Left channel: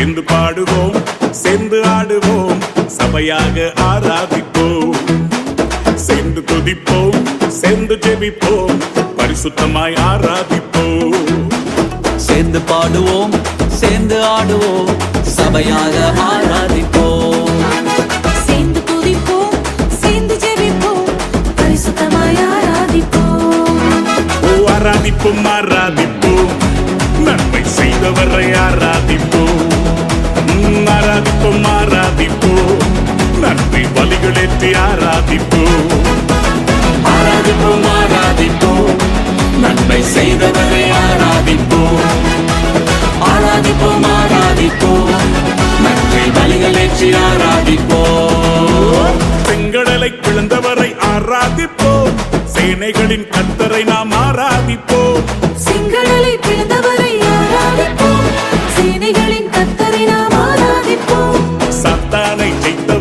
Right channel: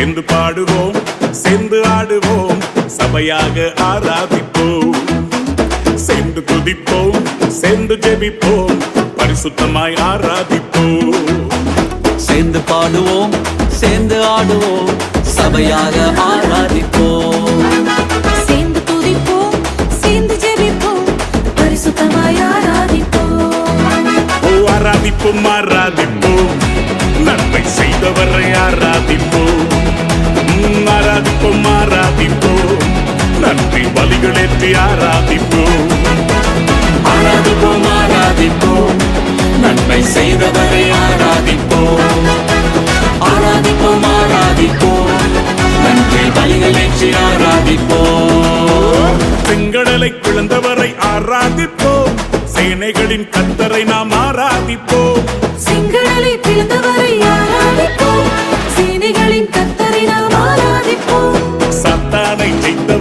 சேர்ந்து பாடுவோம் சேர்ந்து ஆடுவோம் சபையாக ஆராதிப்போம். சேர்ந்து துதிப்போம் சேர்ந்து ஜெபிப்போம் பரிசுத்தமாய் ஆராதிப்போம். சேர்ந்து பாடுவோம் சேர்ந்து ஆடுவோம் சபையாக ஆராதிப்போம். சேர்ந்து துதிப்போம் சேர்ந்து ஜெபிப்போம் பரிசுத்தமாய் ஆராதிப்போம். ஓ ஆராதிப்போம் ஆராதிப்போம். நன்மை செய்தவரை ஆராதிப்போம் ஆராதிப்போம். நன்றி பலிகளேற்றி ஆராதிப்போம். ஆராதிப்போம் ஆராதிப்போம். நன்மை செய்தவரை ஆராதிப்போம். ஆராதிப்போம் ஆராதிப்போம். நன்றி பலிகள் ஆராதிப்போம். செங்கடலை பிளந்தவரை ஆராதிப்போம். சேனைகளின் கத்தரை நாம் ஆராதிப்போம். செங்கடலை பிளந்தவரை ஆராதிப்போம். சேனைகளின் கத்தரை நாம்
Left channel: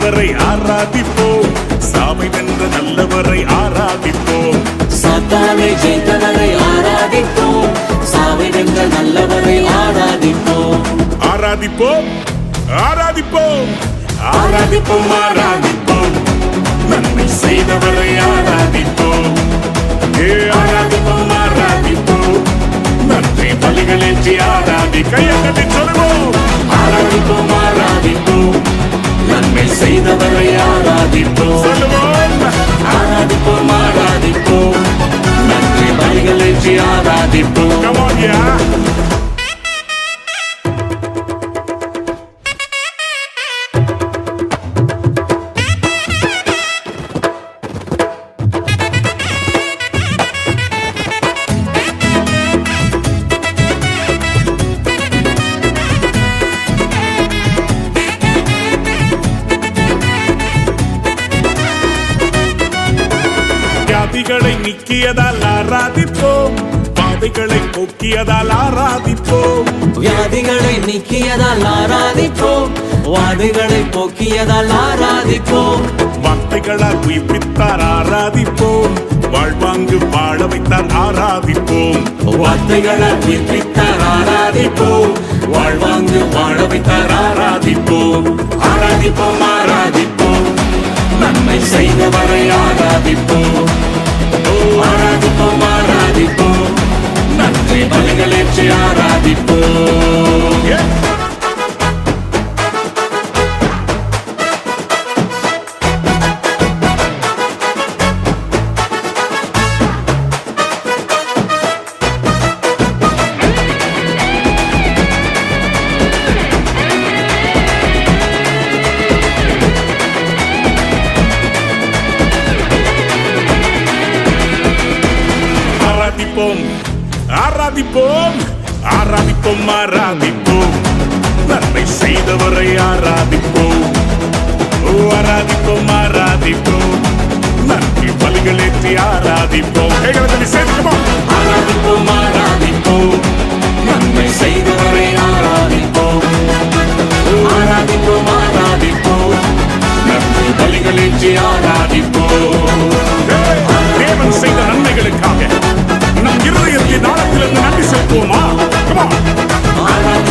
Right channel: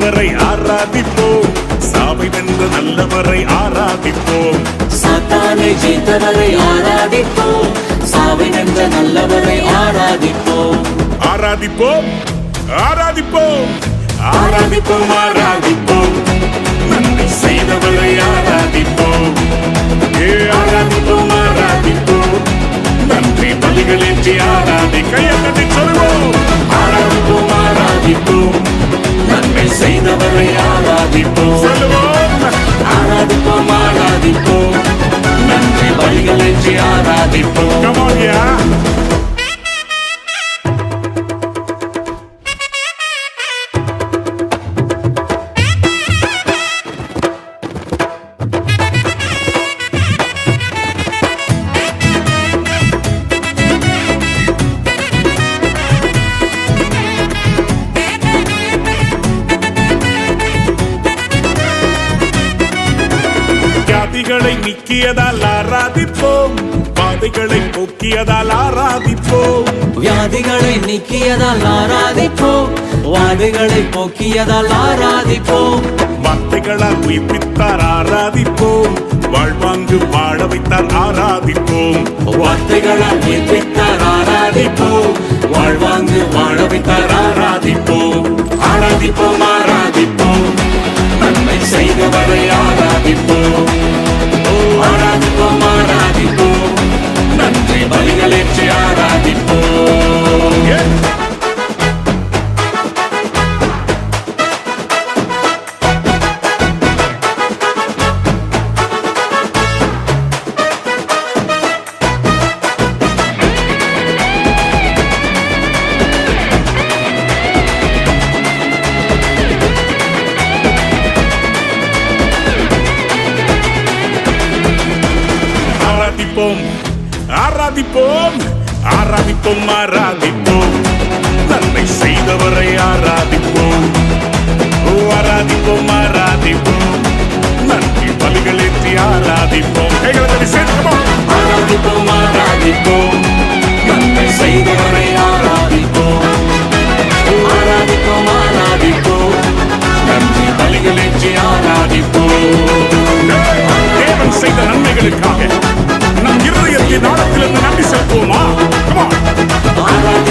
ஜெயித்தவரை ஆராதிப்போம். சாவை வென்ற நல்லவரை ஆராதிப்போம். சாத்தானை ஜெயித்தவரை ஆராதிப்போம். சாவை வென்ற நல்லவரை ஆராதிப்போம். ஆராதிப்போம். ஆராதிப்போம். ஆராதிப்போம் ஆராதிப்போம். நன்மை செய்தவரை ஆராதிப்போம். ஏ ஆராதிப்போம் ஆராதிப்போம். நன்றி பலிகளேற்றி ஆராதி கையை கட்டி சொல்லுவோம். ஆராதிப்போம் ஆராதிப்போம். நன்மை செய்தவரை ஆராதிப்போம். ஆராதிப்போம் ஆராதிப்போம். நன்றி ஏற்றி ஆராதிப்போம். வியாதிகளை நீக்கியதால் ஆராதிப்போம். பாதைகளை போக்கியதால் ஆராதிப்போம். வியாதிகளை நீக்கியதால் ஆராதிப்போம். வாதைகளை போக்கியதால் ஆராதிப்போம். வார்த்தைகளால் உயிர்ப்பித்தார் ஆராதிப்போம். வாழ்வாங்கு வாழ வைத்தார் ஆராதிப்போம். வார்த்தைகளால் உயிர்ப்பித்தார் ஆராதிப்போம். வாழ்வாங்கு வாழ வைத்தார் ஆராதிப்போம். ஆராதிப்போம் ஆராதிப்போம். நன்மை செய்தவரை ஆராதிப்போம். ஓ ஆராதிப்போம் ஆராதிப்போம் ஆராதிப்போம் ஆராதிப்போம். நன்மை செய்தவரை ஆராதிப்போம். ஓ ஆராதிப்போம் ஆராதிப்போம். நன்றி பலிகளேற்றி ஆராதிப்போம். கைகளை தள்ளி ஆராதிப்போம் ஆராதிப்போம். நன்மை செய்தவரை ஆராதிப்போம். ஆராதிப்போம் ஆராதிப்போம். நன்றி பலிகளேற்றி ஆராதிப்போம். தேவன் செய்த நன்மைகளுக்காக ஆழத்திலிருந்து